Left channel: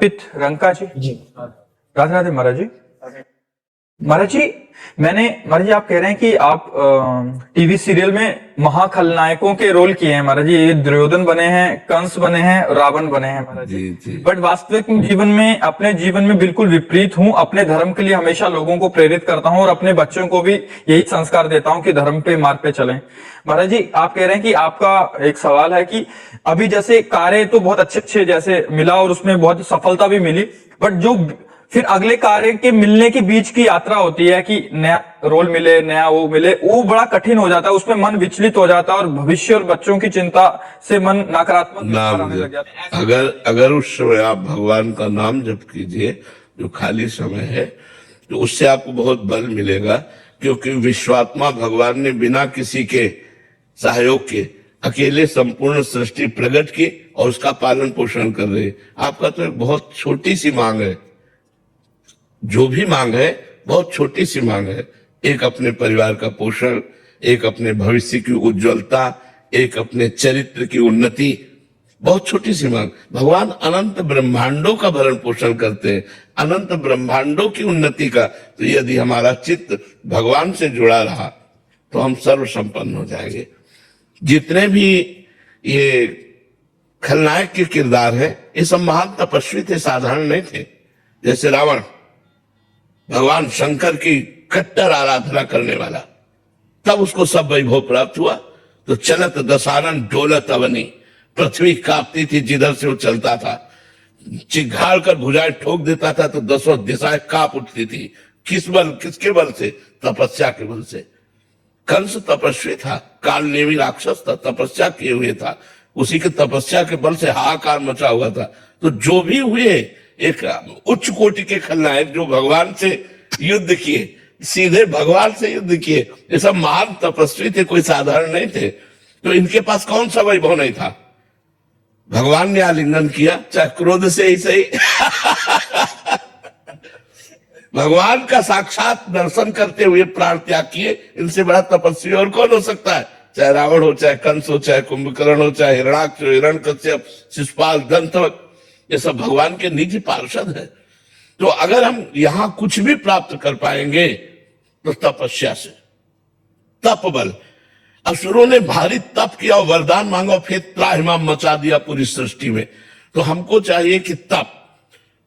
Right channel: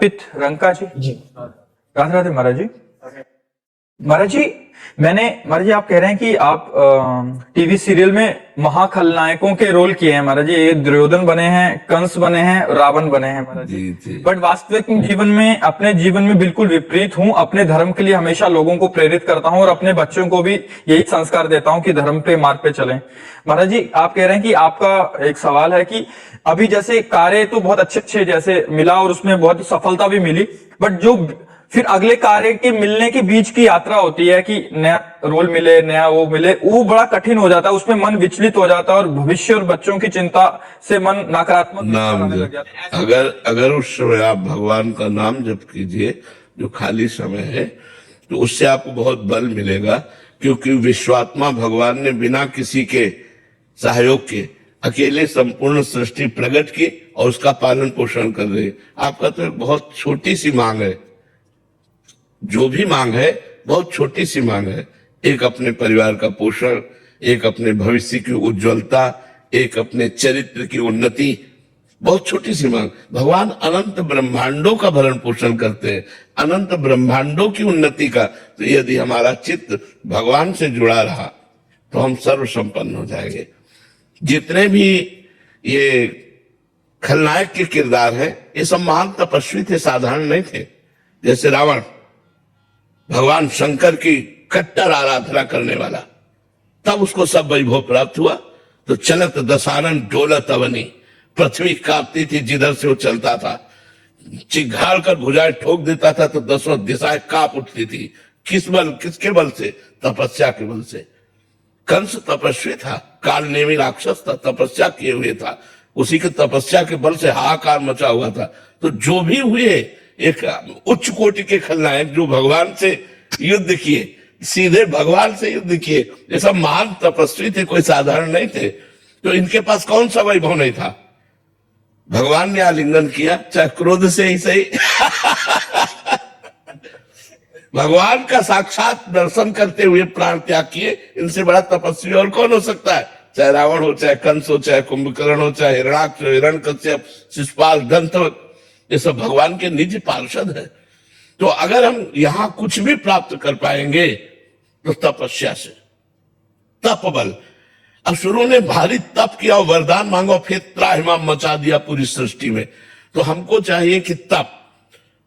पित रंका जी। राधे राधे महाराज जी। महाराज जी, महाराज जी, आप कह रहे हैं कि आप टीवी सीरियल में महाखलनायकों के रोल किए हैं महाराज जी। दुर्योधन बने हैं, कंस बने हैं, रावण बने हैं महाराज जी। बट वास्तविक जीवन में, अपने जीवन में बिल्कुल विपरीत हूँ। अपने धर्म के लिए हमेशा लोगों को प्रेरित करता हूँ और अपने बच्चों को भी यही संस्कार देता हूँ कि धर्म पे मार्ग पे चलें। महाराज जी, आप कह रहे हैं कि आपका एक सवाल है कि अभी जैसे कार्य तो बहुत अच्छे जैसे मिला और उसमें बहुत सफलता भी मिली, बट जो फिर अगले कार्य के मिलने के बीच की यात्रा होती है कि नया रोल मिले, नया वो मिले, वो बड़ा कठिन हो जाता है। उसमें मन विचलित हो जाता है और भविष्य और बच्चों की चिंता से मन नकारात्मक नाम लग जाता है। अगर उस समय आप भगवान का नाम जप कीजिए, जो खाली समय है, तो उससे आपको बहुत बल मिलेगा। क्योंकि विश्वात्मा भगवान ने बिना किसी के सहयोग के अकेले संपूर्ण सृष्टि प्रकट की और उसका पालन पोषण कर रही है। आपका तो एक बहुत छोटी सी मांग है, जो भी मांग है बहुत छोटी सी मांग है। एक अपने परिवार का पोषण, एक अपने भविष्य की उज्जवलता, एक अपने चरित्र की उन्नति, बहुत छोटी सी मांग। भगवान अनंत ब्रह्मांडों का भरण पोषण करते हैं, अनंत ब्रह्मांडों की उन्नति का। तो यदि हमारा चित्त भगवान से जुड़ा रहा तो हम सर्व संपन्न हो जाएंगे। जितने भी ये खलनायक के किरदार हैं, ये सब महान तपस्वी थे, साधारण नहीं थे। जैसे रावण, भगवान शंकर की कट्टर आराधना करने वाला, तब उसको सब वैभव प्राप्त हुआ। तो चलत दसानन डोलत अवनी, पृथ्वी कांपती थी जिधर से वो चलता था। चिघाड़ कर भुजाएं ठोक देता था तो दसों दिशाएं कांप उठती थी। किस बल, किसके बल से? तपस्या के बल से। कंस तपस्वी था, कालनेमी राक्षस था, तपस्या किए हुए था। उसी की तपस्या के बल से हाहाकार मचा हुआ था। तो जो भी हुए, एक उच्च कोटि के खलनायक जो भगवान से युद्ध किए, सीधे भगवान से युद्ध किए, ये सब महान तपस्वी थे, कोई साधारण नहीं थे। तो इनके पास कौन सा वैभव नहीं था? भगवान ने आलिंगन किया, चाहे क्रोध से ही सही भगवान का साक्षात दर्शन करते हुए प्राण त्याग किए। इनसे बड़ा तपस्वी और कौन हो सकता है? चाहे रावण हो, चाहे कंस हो, चाहे कुंभकर्ण हो, चाहे हिरणाक्ष, हिरण्यकश्यप, शिशुपाल, दंतवत, ये सब भगवान के निज पार्षद है। तो अगर हम यहां कुछ भी प्राप्त कर पाएंगे तो तपस्या से, तप बल। असुरों ने भारी तप किया और वरदान मांगा, फिर त्राहिमाम मचा दिया पूरी सृष्टि में। तो हमको चाहिए कि तप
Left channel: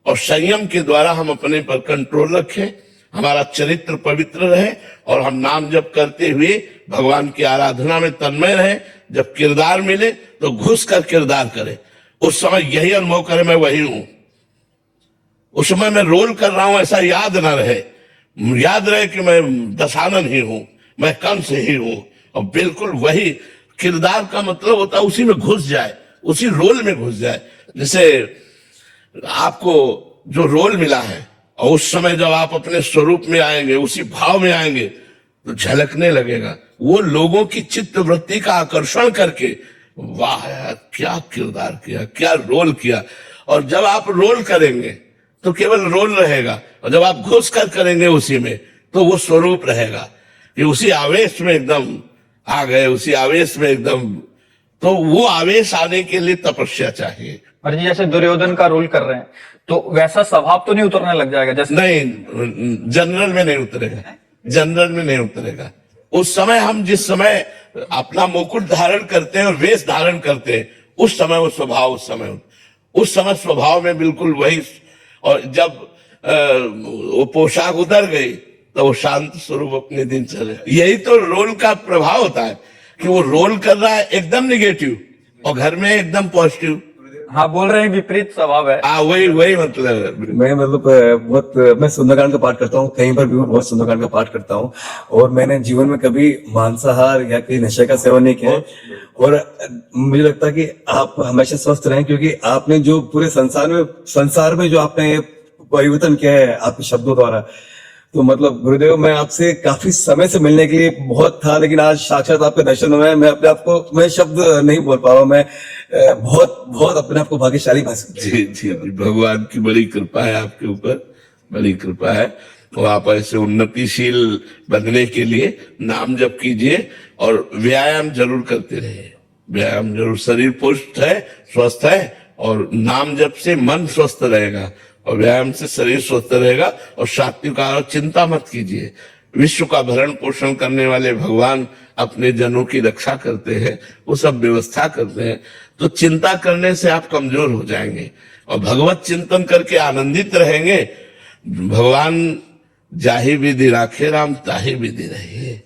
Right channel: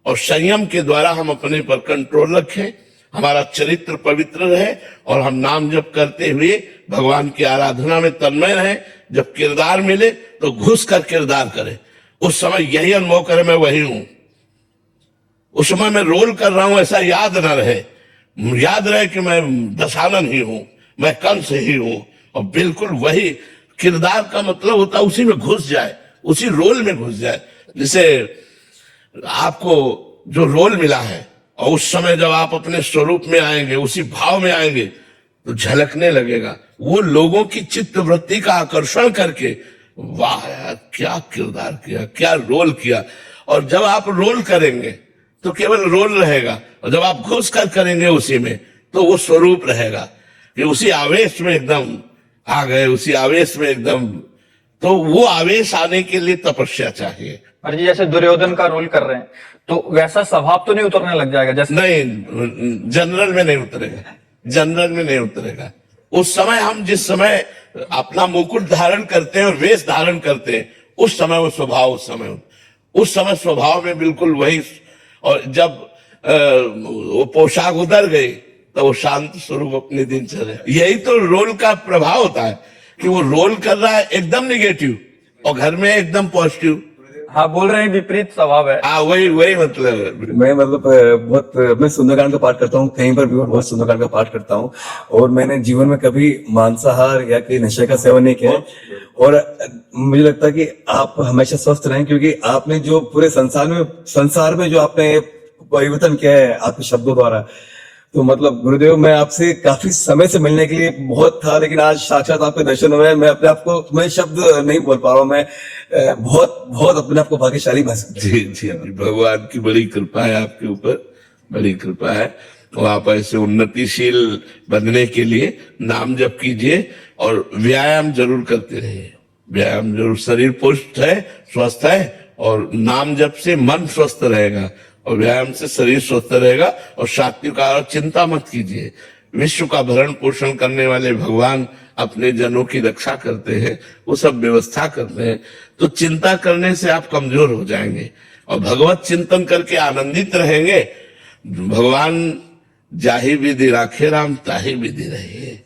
और संयम के द्वारा हम अपने पर कंट्रोल रखें, हमारा चरित्र पवित्र रहे और हम नाम जप करते हुए भगवान की आराधना में तन्मय रहे। जब किरदार मिले तो घुस कर किरदार करें। उस समय यही अनुभव करे मैं वही हूं, उस समय मैं रोल कर रहा हूं ऐसा याद ना रहे। याद रहे कि मैं दशानन ही हूं, मैं कंस ही हूं, और बिल्कुल वही किरदार का मतलब होता है उसी में घुस जाए, उसी रोल में घुस जाए। जैसे आपको जो रोल मिला है और उस समय जब आप अपने स्वरूप में आएंगे, उसी भाव में आएंगे, तो झलकने लगेगा। वो लोगों की चित्त वृत्ति का आकर्षण करके, वाह यार क्या किरदार किया, क्या रोल किया। और जब आप रोल करेंगे तो केवल रोल रहेगा, और जब आप घुस कर करेंगे उसी में तो वो स्वरूप रहेगा कि उसी आवेश में एकदम आ गए, उसी आवेश में एकदम। तो वो आवेश आने के लिए तपस्या चाहिए। और जी, जैसे दुर्योधन का रोल कर रहे हैं तो वैसा स्वभाव तो नहीं उतरने लग जाएगा? जैसे नहीं, जनरल में नहीं उतरेगा, जनरल में नहीं उतरेगा। उस समय हम जिस समय अपना मुकुट धारण करते हैं और वेश धारण करते हैं, उस समय वो स्वभाव, उस समय स्वभाव में बिल्कुल वही। और जब वो पोशाक उतर गई तो वो शांत स्वरूप अपने दिन चले। यही तो रोल का प्रभाव होता है कि वो रोल कर रहा है एकदम निगेटिव और घर में एकदम पॉजिटिव। हाँ, बोल रहे हैं विपरीत स्वभाव है। हाँ, वही मतलब है। मैं मैं सुंदरकांड का पाठ करता हूँ, कहीं पर भी बहुत सुंदरकांड का पाठ करता हूँ। और मैंने जीवन में कभी मांसाहार या कोई नशे का सेवन नहीं किया। और मुझे लगता है कि आप हमेशा स्वस्थ रहें, क्योंकि आपने जो पूरे संसार में जो आपने परिवर्तन किया है आपके शब्दों द्वारा। तो मतलब गुरुदेव, मैं आपसे काफी समय से मिलने के लिए बहुत था, लेकिन आज साक्षात आपके दर्शन हुए। मैं अपने आप को, मैं शब्द नहीं बोल पा रहा हूँ। मैं बहुत अपने आप को भाग्यशाली महसूस। जी, भगवान की बड़ी कृपा है आपके ऊपर, बड़ी कृपा है। तो आप ऐसे उन्नतिशील बनने के लिए नाम जप कीजिए और व्यायाम जरूर करते रहिए। व्यायाम जरूर, शरीर पुष्ट है, स्वस्थ है और नाम जप से मन स्वस्थ रहेगा और व्यायाम से शरीर स्वस्थ रहेगा। और सात्विक आहार, चिंता मत कीजिए, विश्व का भरण पोषण करने वाले भगवान अपने जनों की रक्षा करते हैं, वो सब व्यवस्था करते हैं। तो चिंता करने से आप कमजोर हो जाएंगे और भगवत चिंतन करके आनंदित रहेंगे। भगवान जाहि विधि राखे राम ताहि विधि रहिए,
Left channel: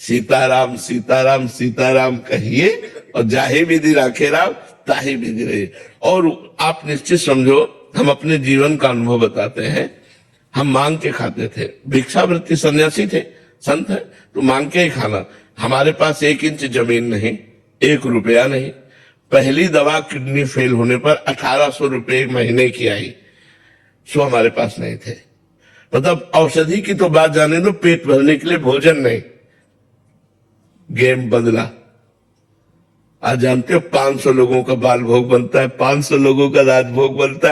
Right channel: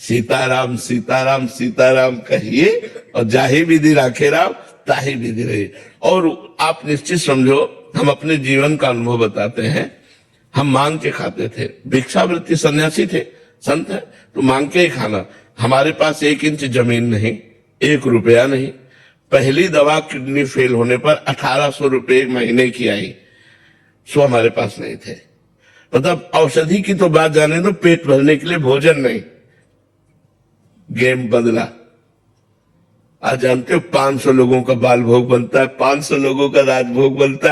सीताराम सीताराम सीताराम कहिए और जाहि विधि राखे राम ताहि विधि रहिए। और आप निश्चित समझो, हम अपने जीवन का अनुभव बताते हैं। हम मांग के खाते थे, भिक्षावृत्ति सन्यासी थे, संत है तो मांग के ही खाना। हमारे पास 1 इंच जमीन नहीं, 1 रुपया नहीं। पहली दवा किडनी फेल होने पर 1800 रुपये 1 महीने की आई, सो हमारे पास नहीं थे। मतलब औषधि की तो बात जाने दो, पेट भरने के लिए भोजन नहीं। गेम बदला। आज जानते हो 500 लोगों का बाल भोग बनता है, 500 लोगों का राजभोग बनता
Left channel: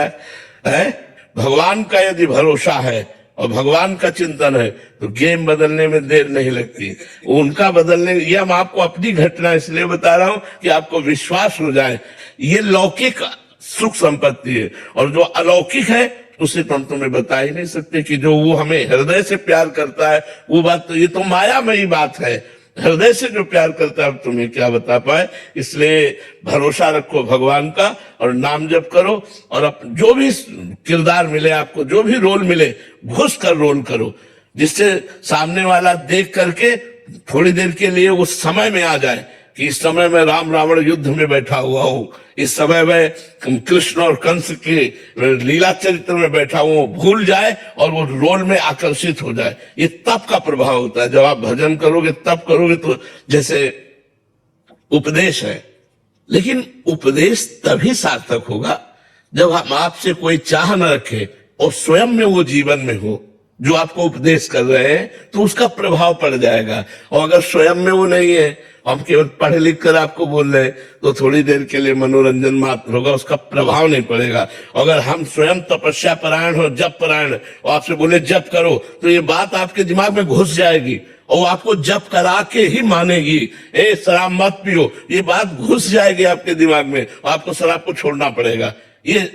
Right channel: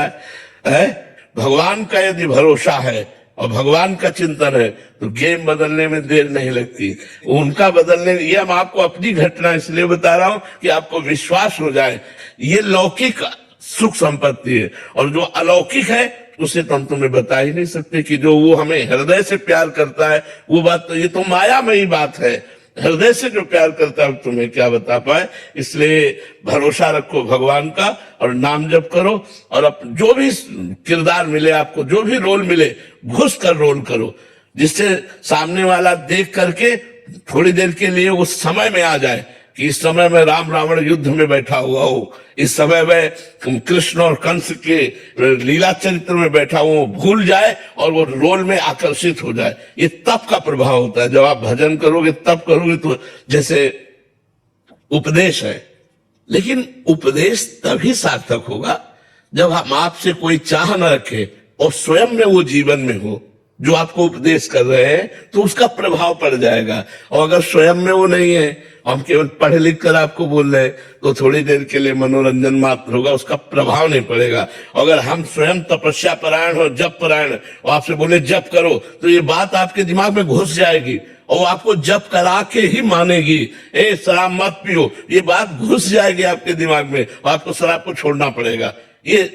है? भगवान का यदि भरोसा है और भगवान का चिंतन है तो गेम बदलने में देर नहीं लगती। उनका बदलने, ये हम आपको अपनी घटना इसलिए बता रहा हूं कि आपको विश्वास हो जाए। ये लौकिक सुख संपत्ति है और जो अलौकिक है उसे तो हम तुम्हें बता ही नहीं सकते कि जो वो हमें हृदय से प्यार करता है वो बात तो, ये तो मायामयी बात है। हृदय से जो प्यार करता है तुम्हें क्या बता पाए। इसलिए भरोसा रखो भगवान का और नाम जप करो और जो भी किरदार मिले आपको, जो भी रोल मिले, घुस कर रोल करो, जिससे सामने वाला देख करके थोड़ी देर के लिए उस समय में आ जाए कि इस समय में राम रावण युद्ध में बैठा हुआ हूं, इस समय में कृष्ण और कंस के लीला चरित्र में बैठा हुआ हूं, भूल जाए और वो रोल में आकर्षित हो जाए। ये तप का प्रभाव होता है। जब आप भजन करोगे, तप करोगे तो जैसे उपदेश है, लेकिन उपदेश तभी सार्थक होगा जब हम आपसे कोई चाह न रखे और स्वयं में वो जीवन में हो। जो आपको उपदेश कर रहे हैं तो उसका प्रभाव पड़ जाएगा। और अगर स्वयं में वो नहीं है, हम केवल पढ़े लिख कर आपको बोल रहे हैं तो थोड़ी देर के लिए मनोरंजन मात्र होगा, उसका प्रभाव नहीं पड़ेगा। अगर हम स्वयं तपस्या परायण हो, जप परायण और आपसे बोले जप करो तो ये बात आपके दिमाग में घुस जाएगी और आपको जप करा के ही मानेगी। ए शराब मत पियो, ये बात घुस जाएगी आपके दिमाग में और आपको शराब को छोड़ना पड़ेगा। ये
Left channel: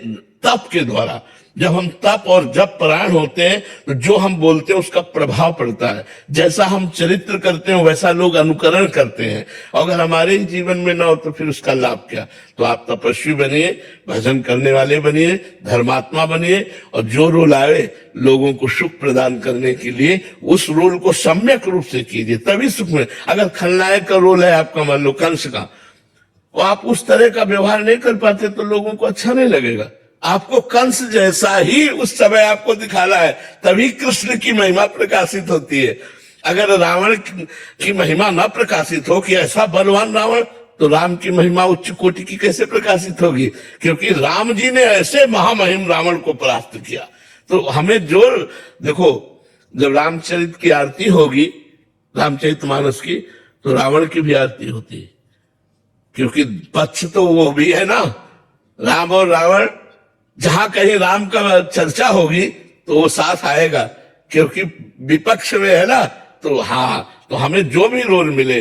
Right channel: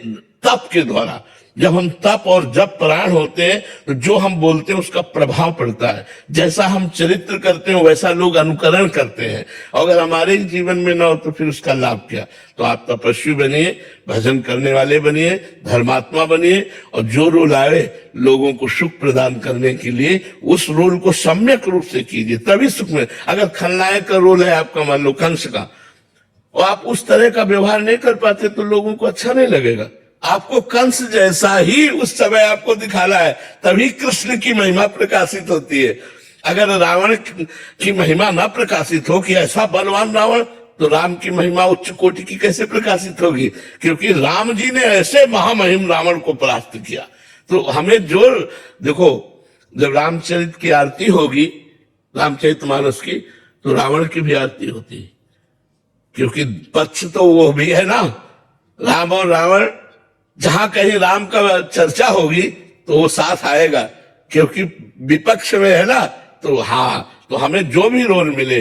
तप के द्वारा, जब हम तप और जप परायण होते हैं तो जो हम बोलते हैं उसका प्रभाव पड़ता है। जैसा हम चरित्र करते हैं वैसा लोग अनुकरण करते हैं। अगर हमारे जीवन में ना हो तो फिर उसका लाभ क्या। तो आप तपस्वी बनिए, भजन करने वाले बनिए, धर्मात्मा बनिए और जो रोल आए लोगों को सुख प्रदान करने के लिए उस रोल को सम्यक रूप से कीजिए, तभी सुख में। अगर खलनायक का रोल है आपका, मान लो कंस का, और आप उस तरह का व्यवहार नहीं कर पाते तो लोगों को अच्छा नहीं लगेगा। आपको कंस जैसा ही उस समय आपको दिखाना है, तभी कृष्ण की महिमा प्रकाशित होती है। अगर रावण की महिमा ना प्रकाशित हो कि ऐसा बलवान रावण, तो राम की महिमा उच्च कोटि की कैसे प्रकाशित होगी। क्योंकि राम जी ने ऐसे महामहिम रावण को परास्त किया। तो हमें जो देखो, जब रामचरित की आरती होगी, रामचरितमानस की, तो रावण की भी आरती होती है। क्योंकि पक्ष तो वो भी है ना, राम और रावण। जहां कहीं राम का चर्चा होगी तो वो साथ आएगा, क्योंकि विपक्ष में है ना। तो हाँ, तो हमें जो भी रोल मिले,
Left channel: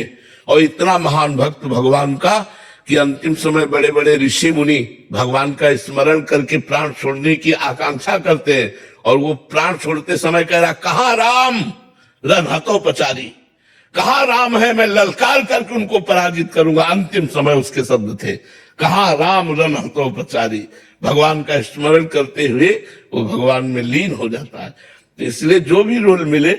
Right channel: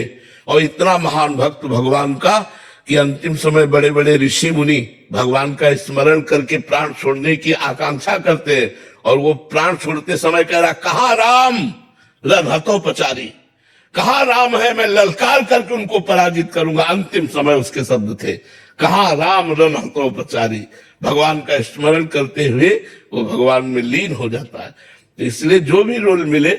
और इतना महान भक्त भगवान का कि अंतिम समय बड़े बड़े ऋषि मुनि भगवान का स्मरण करके प्राण छोड़ने की आकांक्षा करते हैं और वो प्राण छोड़ते समय कह रहा, कहाँ राम रथोपचारी, कहाँ राम है, मैं ललकार करके उनको पराजित करूंगा। अंतिम समय उसके शब्द थे, कहाँ राम रथोपचारी। भगवान का स्मरण करते हुए वो भगवान में लीन हो जाता है। इसलिए जो भी रोल मिले